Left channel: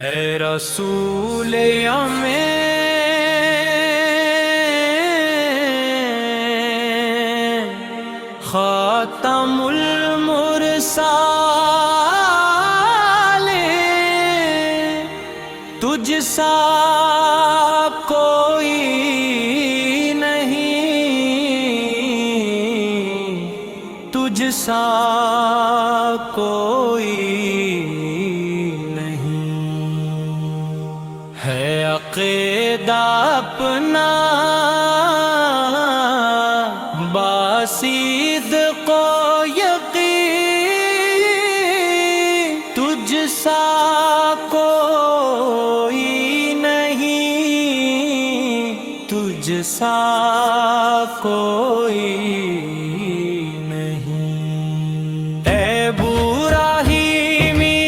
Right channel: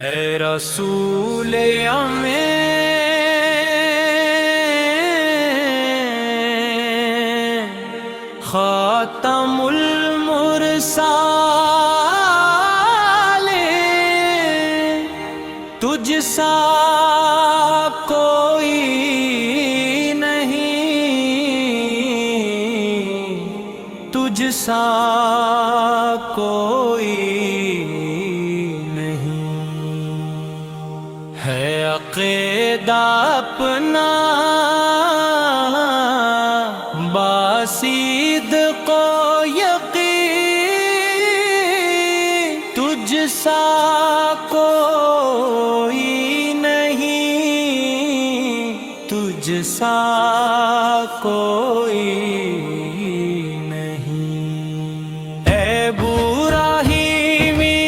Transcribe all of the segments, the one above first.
اے رسول ہمیں خاتم المرسلین، تجھ سا کوئی نہیں، تجھ سا کوئی ہے عقیدہ اپنا باصدق و یقین، تجھ سا کوئی نہیں، تجھ سا کوئی نہیں۔ اے ابراہیمی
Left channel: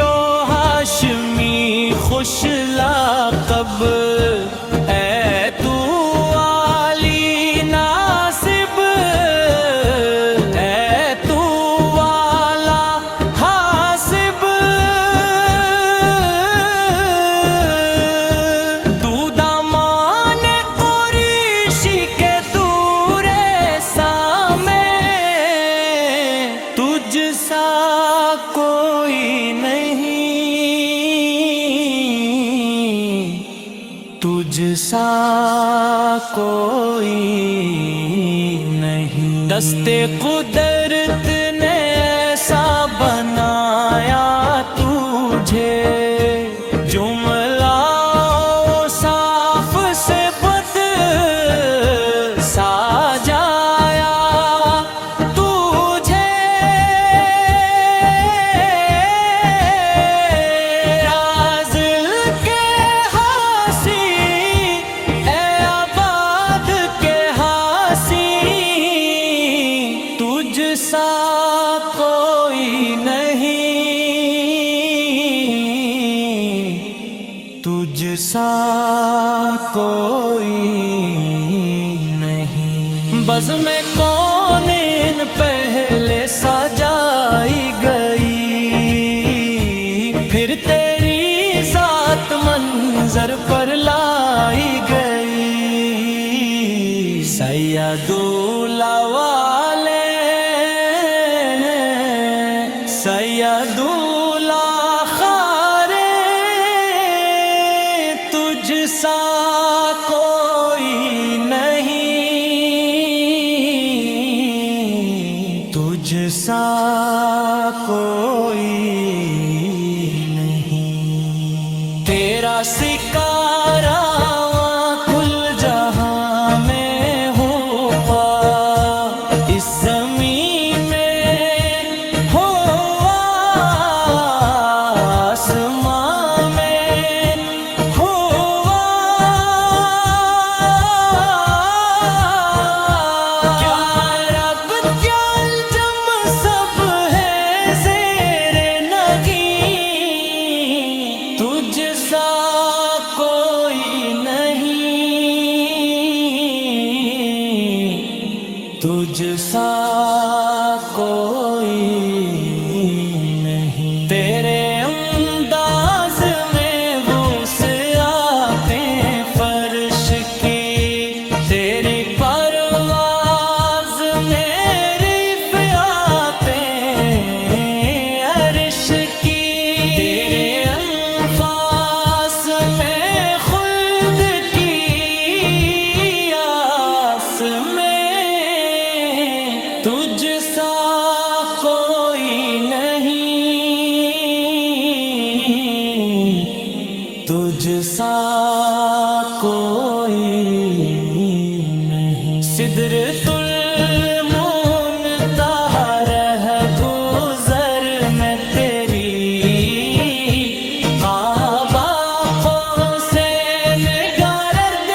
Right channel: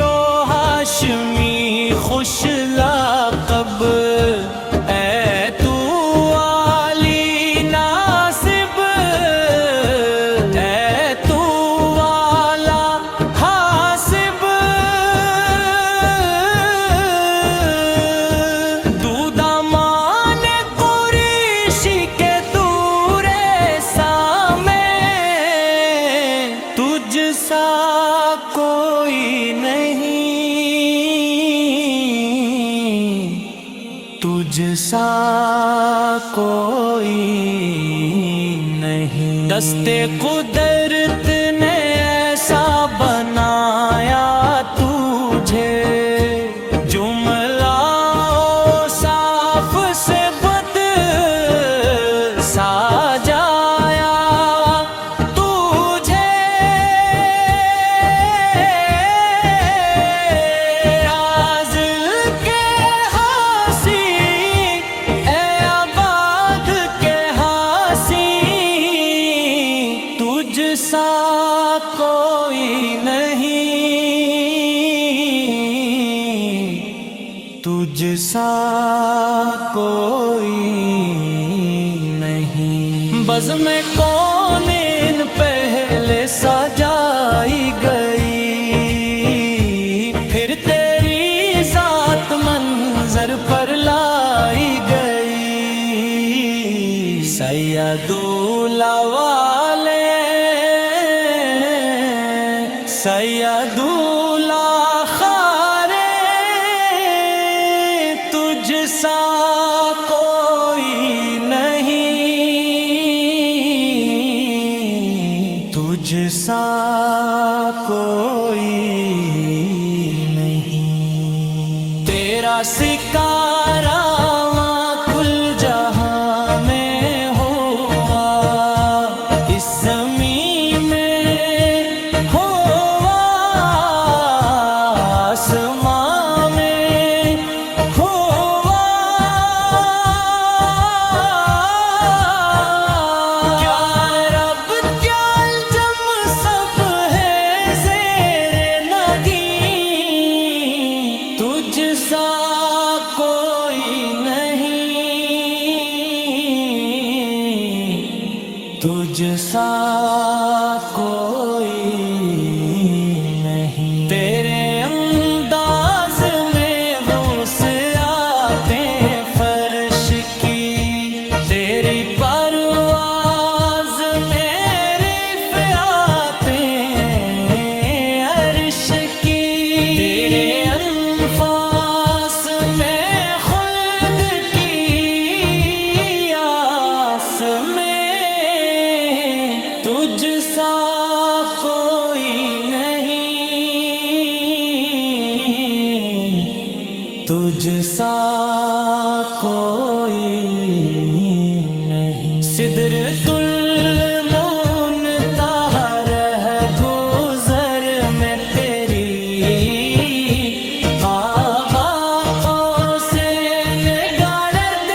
و ہاشمی خوش لقب، اے تو علی ناصب، اے تو والا حاسب، دودمان قریشی کے دور سامے، تجھ سا کوئی نہیں، تجھ سا کوئی نہیں۔ دست قدرت نے ایسا بنایا تجھے، جملہ صاف سے بد سجایا تجھے، رازل کے ہنسی اے آباد کے ہنسی، تجھ سا کوئی نہیں، تجھ سا کوئی نہیں۔ بزم کونین پہلے سجائی گئی، پھر تیری ذات منظر پر لائی گئی، سید والے سید خارے، تجھ سا کوئی نہیں، تجھ سا کوئی نہیں۔ تیرا سکارا کل جہاں میں ہوا، اس زمین میں ہوا، آسمان میں ہوا، کیا رب کیا الجم سب ہے زیر نگیں، تجھ سا کوئی نہیں، تجھ سا کوئی نہیں۔ تیرے انداز میں وسعتیں فرش کی، تیری پرواز میں رفعتیں عرش کی، تیرے انفاس میں خلد کی آس میں، تجھ سا کوئی نہیں، تجھ سا کوئی نہیں۔ سدرۃ المنتہا رہ گزر میں تیری، کعبہ قوسین گرد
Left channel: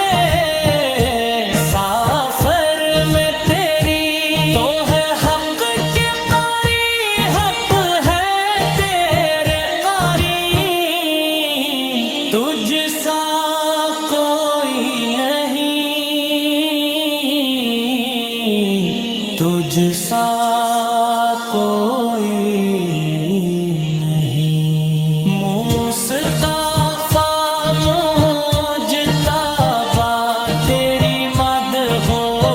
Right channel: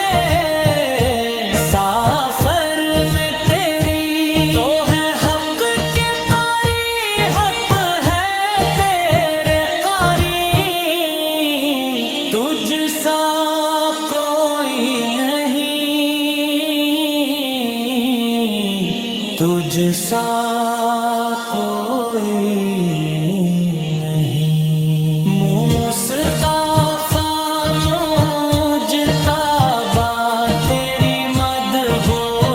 سافر میں تیری، تو ہے حق کے قاری، حق ہے تیرے قاری، تجھ سا کوئی نہیں، تجھ سا کوئی نہیں۔ مستعار